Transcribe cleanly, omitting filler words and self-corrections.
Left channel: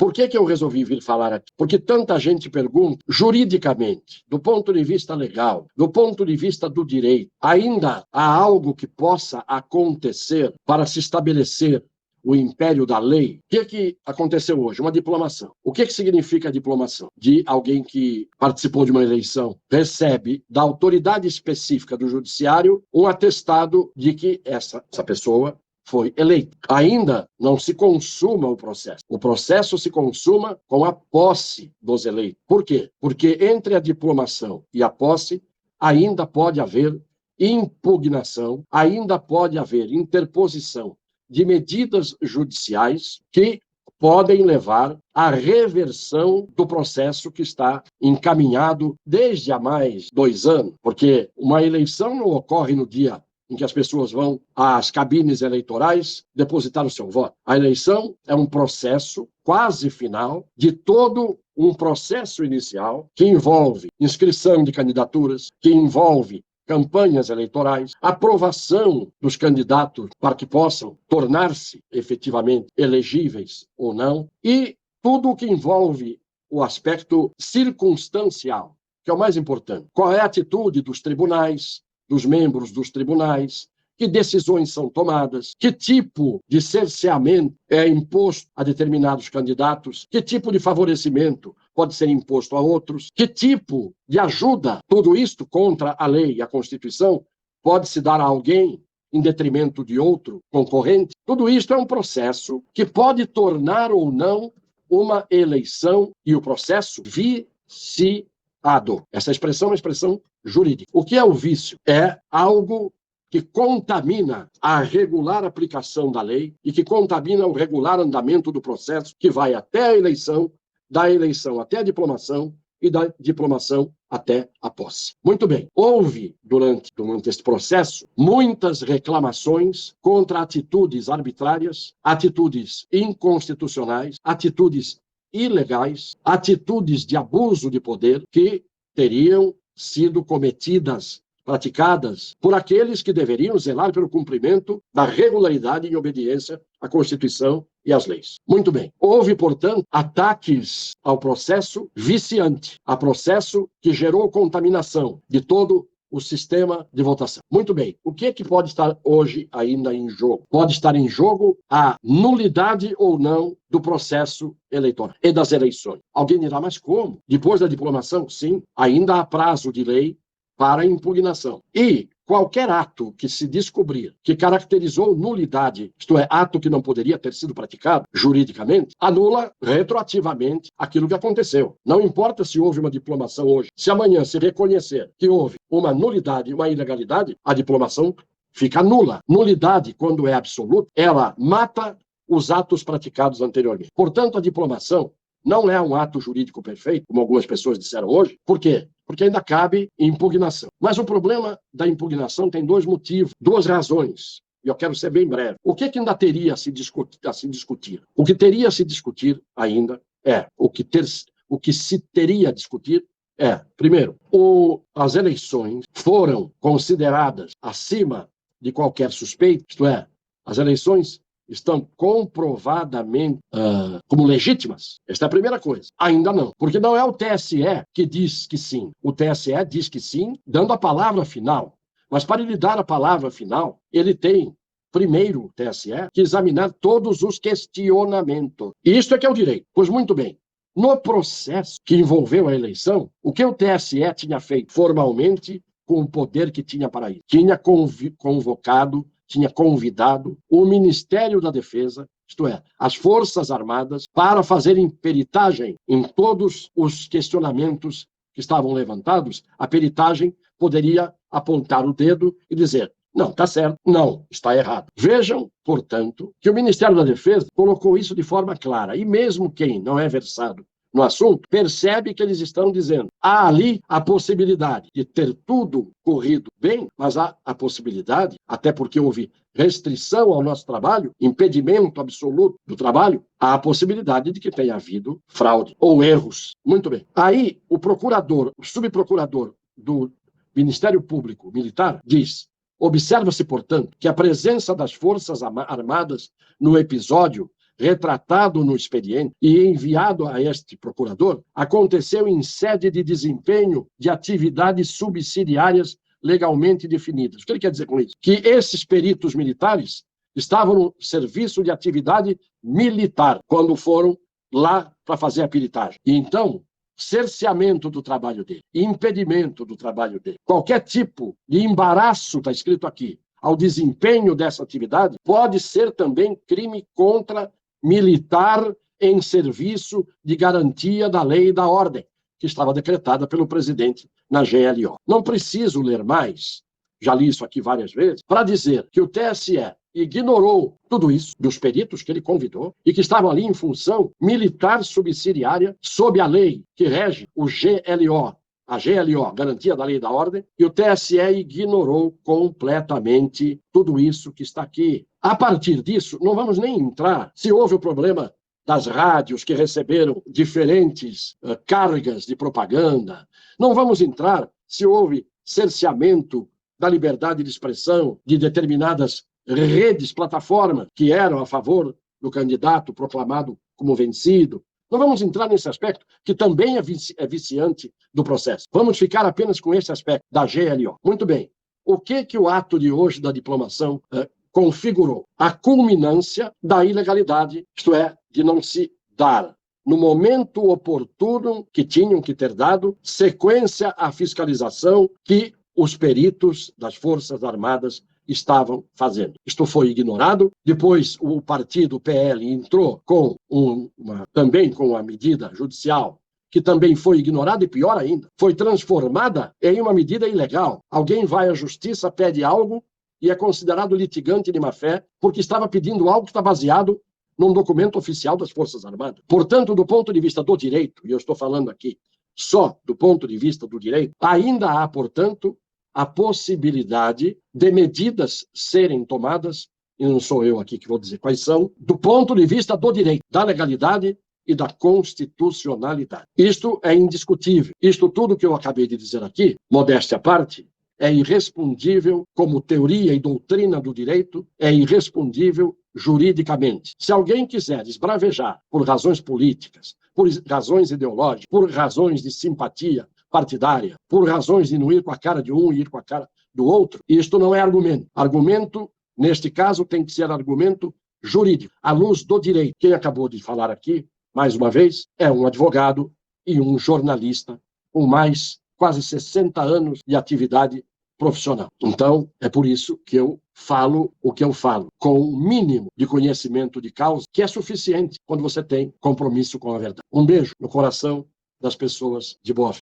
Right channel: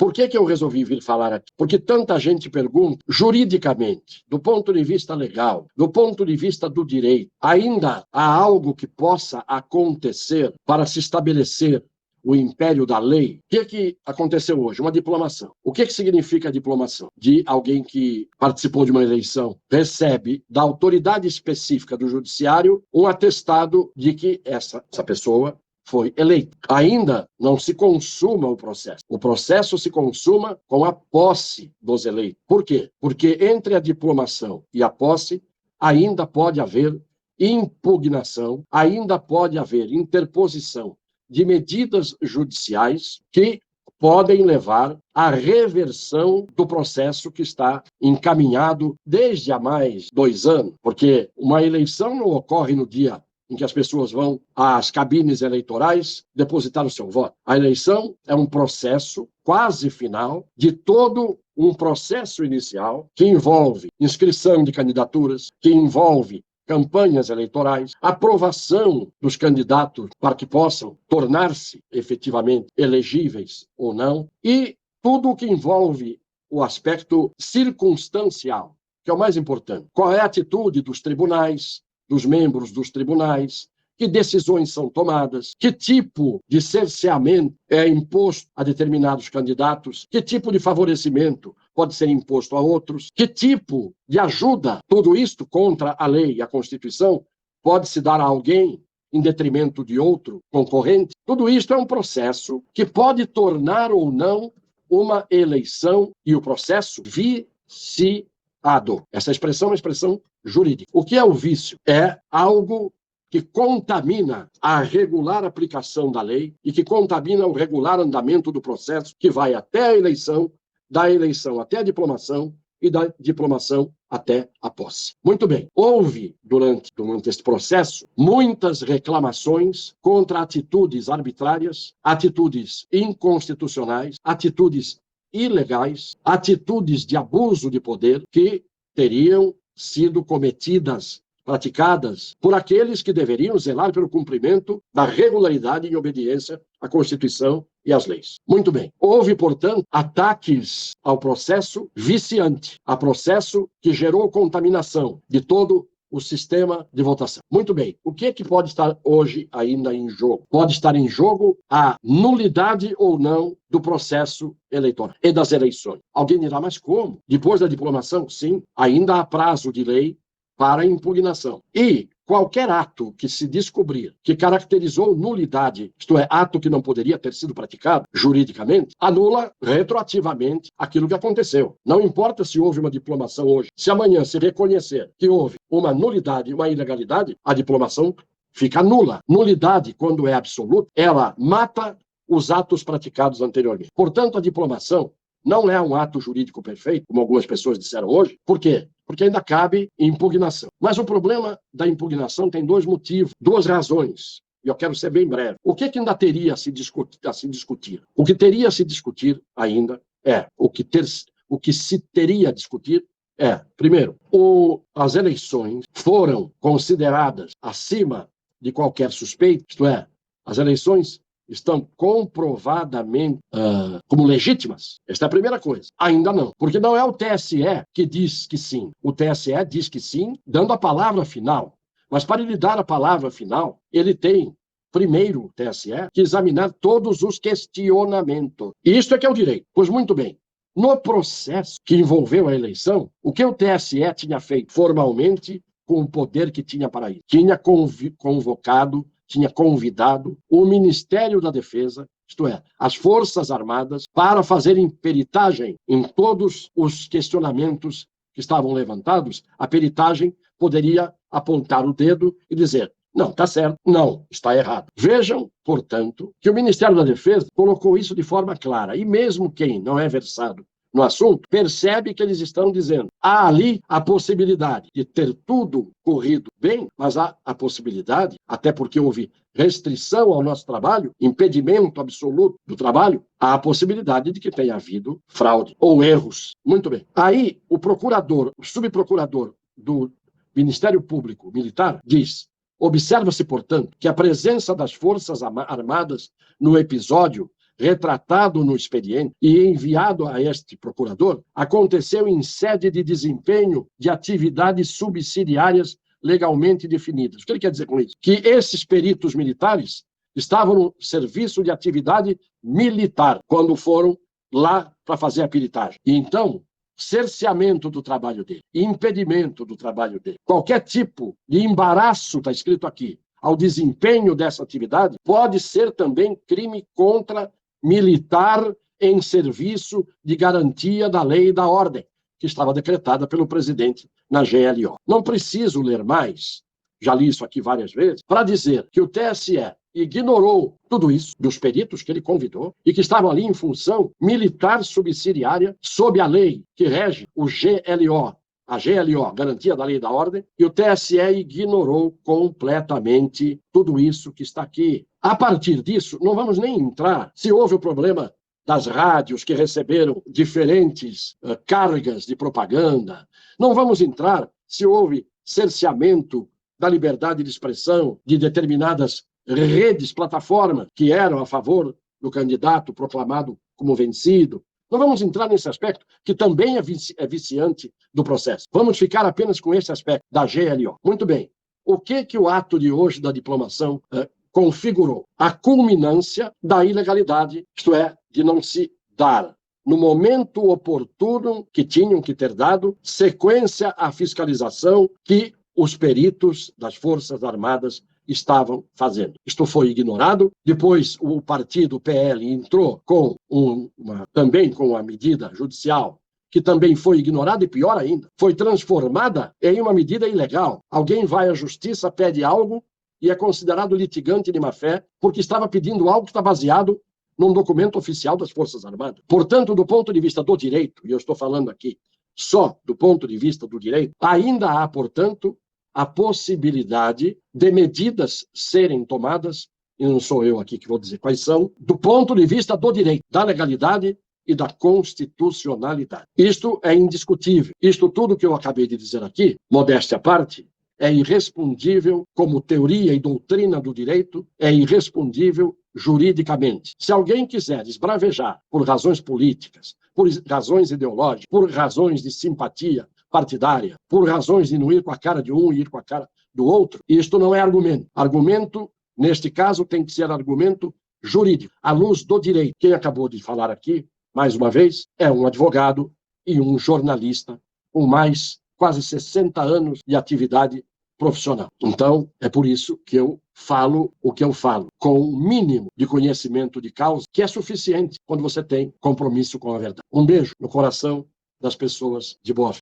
Por que eu resolvi vir falar aqui? Porque tanta gente pergunta, juridicamente, do ponto de vista legal, do ponto de vista do direito, ainda há algo que possa acontecer para se estabelecer o império da lei? O que aconteceu hoje? Uma diplomação. O que significa a diplomação? De alguém que participou de uma eleição, recebe da autoridade específica do judiciário um atestado de que essa pessoa foi eleito. Ainda não se consuma o processo. O processo se consuma com a posse dos eleitos. Por quê? Porque entre a diplomação e a posse ainda pode haver impugnação, ainda pode haver interposição de medidas judiciais que podem levar à reversão do processo que está encaminhado desde há mais 2 anos, porque uma eleição não ocorre no dia em que as pessoas vão às cabines eleitorais depositar o seu voto. A eleição é um processo quase final de todo um processo inicial que envolve inscrição de candidaturas, que envolve campanhas eleitorais, aprovação dos candidatos para que possam tornar-se efetivamente elegíveis ou não, e tudo o que envolve o aspecto circunstancial, que é o mais importante. Qual é a atitude dos tribunais, dos membros dos tribunais, que decisões são tomadas, que tipo de cerceamento é imposto a determinados candidatos, que tipo de favorecimento pode ser imposto a outros, que tipo de ajuda, tudo isto contra a lei e a Constituição, pode se dar a alguém em detrimento de outro concorrente. Tudo isto é um processo que pode tornar ou não uma eleição e o processo viciado. Essa expressão é uma expressão jurídica. O que é o vício? É algo que contamina a regular aplicação da lei e que contamina o regular andamento do processo que vai até a eleição, da eleição até a diplomação e da diplomação até a posse. Muito bem, houve, durante este processo, muitas reclamações contra atitudes arbitrárias, atitudes inconstitucionais, atitudes ilegais, atitudes de abuso de poder que teriam sido cometidas, praticadas por aqueles que deveriam zelar pelo cumprimento da regularidade e obediência à Constituição e às leis. Muito bem. Houve, portanto, ataques ao processo viciante, a processo que gerou contaminação de todo o sistema de votação. Muito bem. O que é que pode estar hoje ainda em jogo? Pode estar em jogo a nulidade ou não do processo eleitoral e das eleições. Alguém dirá, mas como? Depois da diplomação? Sim, ainda há prazo de lei para impugnação. E qualquer ato que se descobrir que caracterizou nulidade, isto é, ato que não poderia ter sido praticado juridicamente, anula retroativamente aquilo que aconteceu. Não importa se houve uma diplomação hoje. Se amanhã se reconhecer que houve uma nulidade, uma ilegalidade, a diplomação fica nula. Nulidade, quando é absoluta, ela mata os atos praticados anteriormente. Portanto, a diplomação não é um ato jurídico perfeito, como algumas pessoas disseram hoje. Por quê? Porque ainda cabe impugnação. Mas o problema da impugnação tem 2 motivos, 2 razões. E eu quero ser bem breve. O que ainda teria a se discutir? O que teria a se discutir ainda é, o que se teria a discutir é, primeiro, as eleições foram consideradas acima de qualquer suspeito, isto é, as eleições estão comprovadamente como legítimas? Esta é a primeira coisa. Ainda não, porque não é o TSE que diz que sim. O TSE diz que sim, dando a palavra final. Mas para ele dar a palavra final, ele tem, primeiro, o TSE, que examinar todos os questionamentos. E isso é que é o direito. Pois muito bem. No processo que envolveu a eleição, o que o TSE tinha feito formalmente com o poder que tinha para isso? Tinha convidado o Ministério da Defesa, isto é, as Forças Armadas, para fazerem peritagem em todos os questionamentos que estavam levantados. A peritagem poderia apontar o dedo e dizer, não, está certo, não, está errado. Vejam, portanto, que o Ministério da Defesa colocou isso de forma clara, e mesmo quem não é versado no assunto, percebe que eles estão dizendo, há ali a possibilidade de ter tudo corrido bem, mas há a possibilidade, até porque houve restrição ao nosso trabalho, impedimento absoluto do trabalho, há a possibilidade de que tenha havido fraude ou erros. Muito bem. Aí, o subprocurador do Ministério Público Militar diz, observa-se, portanto, que a presença das Forças Armadas no episódio retratado no expediente e enviado a este procurador, aconteceu em sede de desempenho de atividades subsidiárias legalmente definidas. O que ele quer dizer com isso? Que esses peritos militares estavam no serviço de atividade militar quando foram lá para fazer a peritagem. E então, cerceamento do trabalho dele, impedimento do trabalho dele, qualquer tipo de embaraço, está escrito aqui, ao desempenho dessa atividade, pode ser também crime contra militar em serviço de garantia da lei e da ordem, que estava decretada pelo presidente na GLO. Não preciso ler mais, já li isso aqui várias vezes, para dizer que o TSE ignorou tudo isso dos peritos que ele convidou e que estavam ali em função militar subsidiária sob a lei que rege o GLO, a GLO, Garantia da Lei e da Ordem, e o TSE ignorou completamente tudo isso que está aqui. A partir disso, não vamos nem entrar se houve o problema das rádios que receberam diferentes cargas de propaganda, não vamos entrar se houve cerceamento da liberdade de expressão de determinadas redes, plataformas que eram a favor do candidato proclamado como vencido. Não vamos entrar nesse aspecto, que também é viciante do processo. Vamos ficar apenas com esse aspecto da GLO. Muito bem. O que o ato de hoje da diplomação configurou? A culminância da ilegalidade, isto é, de não se dar, no momento oportuno que tinham que ter dado, sequência à fiscalização que os peritos das Forças Armadas estavam fazendo. Isto foi ignorado. Depois, o partido PL entrou com também com a medida judicial, que também foi ignorada e, pior ainda, foi transformada em uma medida ilegal. Alguém vai à justiça, pede algo e é considerado litigante de má-fé porque estava pedindo algo que está baseado num documento oficial das Forças Armadas. Portanto, do ponto de vista do direito, e eu estou falando aqui só do ponto de vista do direito, ainda há, portanto, a possibilidade de medidas serem tomadas, e não sou eu aqui que vou dizer quais são, do ponto de vista do direito, da legalidade e da constitucionalidade. Isto é indiscutível. Isto tudo que eu acabei de dizer aqui, modéstia à parte, é irrespondível como teoria e doutrina do direito, é irrespondível juridicamente. Se alguém quiser esbravejar por razões políticas, por razões ideológicas, por razões de simpatia partidária, por razões de não ir com a cara de um e ir com a cara do outro, isto não é argumento. Argumento, neste caso, tem que ser argumento jurídico, à luz do direito. Quem acabou de falar aqui, mais uma vez, é um advogado e um jornalista com mais quase 60 anos de atividade profissional. Então, é por isso que eu falo o que eu falo, com o mínimo de conhecimento de causa, que é suficiente quando você tem compromisso com a verdade. Um beijo no coração das pessoas de boa fé.